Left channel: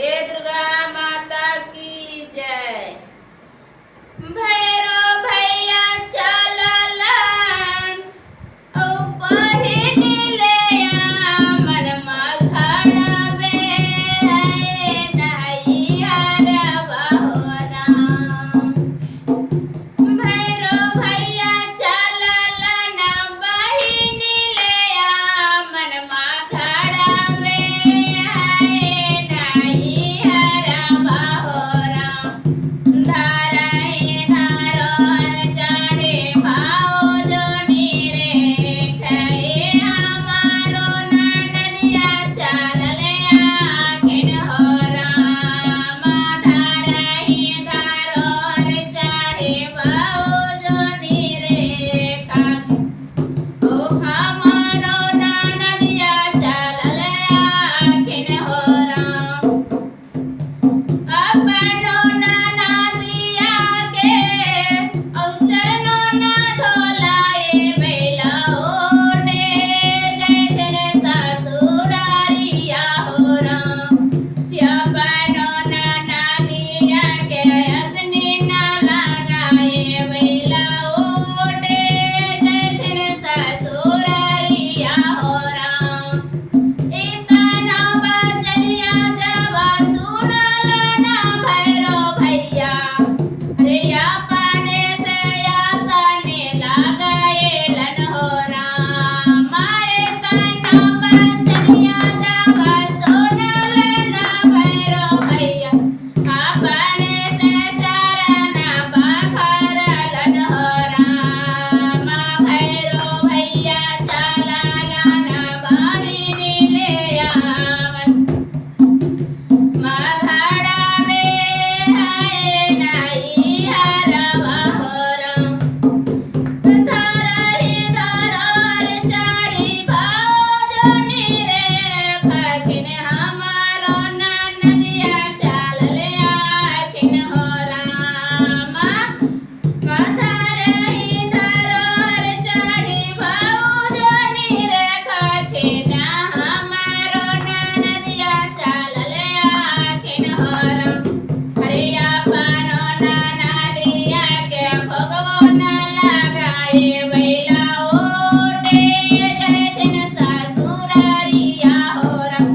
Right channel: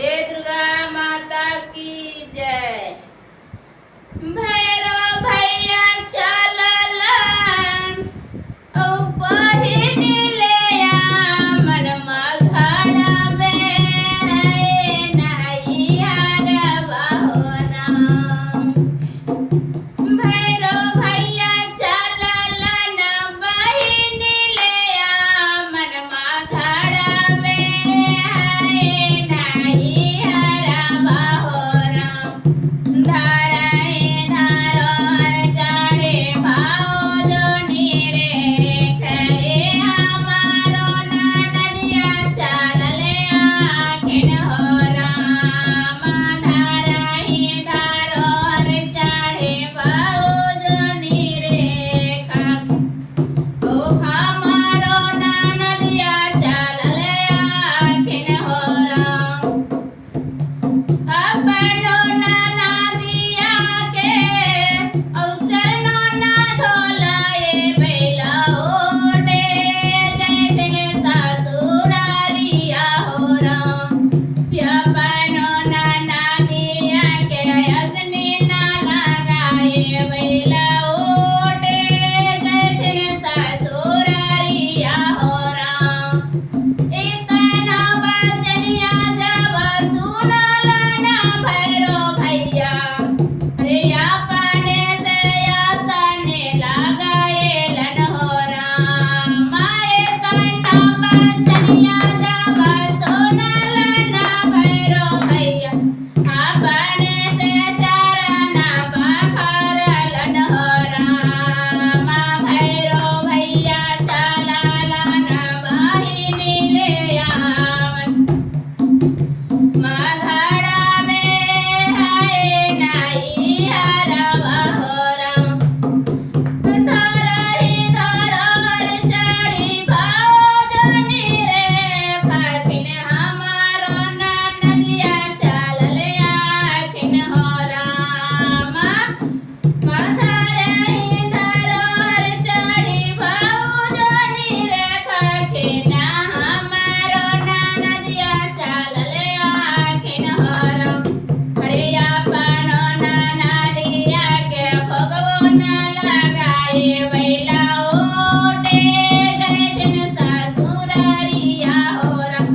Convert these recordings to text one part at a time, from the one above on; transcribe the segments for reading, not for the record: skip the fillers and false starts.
बोले दुर्गा माता की जय। भैरो भैया चललन औ पहिने ले मनमा घड़बे नैहर बहो राम। भैरो भैया चललन बहिनी ले मनमा घड़बे नैहर बहो राम। धाराए धारोर चढ़े भाउजो नीरे कहे हमारो ननदिया चलले आखिन हो राम। धाराए धारोर चढ़े भाउजो नीरे कहे ओ हमारो ननदिया चलले आखिन हो राम। अपनो ननदिया के औचनो ना धोलाए बैला ओटे जैसन ससुरारिया हो राम। अपनो ननदिया के असनी ना लगाए बैला ओटे जैसन ससुरारिया हो राम। इतना बचनिया जब सुनल ना भैरो भैया रे अपने से आसने लगाएलन हो राम। इतना बचनिया जब सुनल ना भैरो भैया अपने से चरण बखरलन हो राम। भैरो भैया चललन बहिनी ले आवन मघड़बे नैहर बहो राम। धरहि धरोहर चढ़ी भाउजो नीरे फकिन हमारो ननदिया चलले आखिन हो राम। धरहि धरोहर चढ़ी भाउजो नीरे फकिन हमारो ननदिया चलले आखिन हो राम। अरे अपनो ननदिया के भोगवो न लगाए बैला ओटे जैसन ससुरारिया हो राम।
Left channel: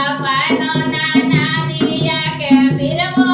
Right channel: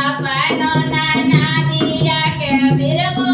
अपनो ननदिया के बिरवो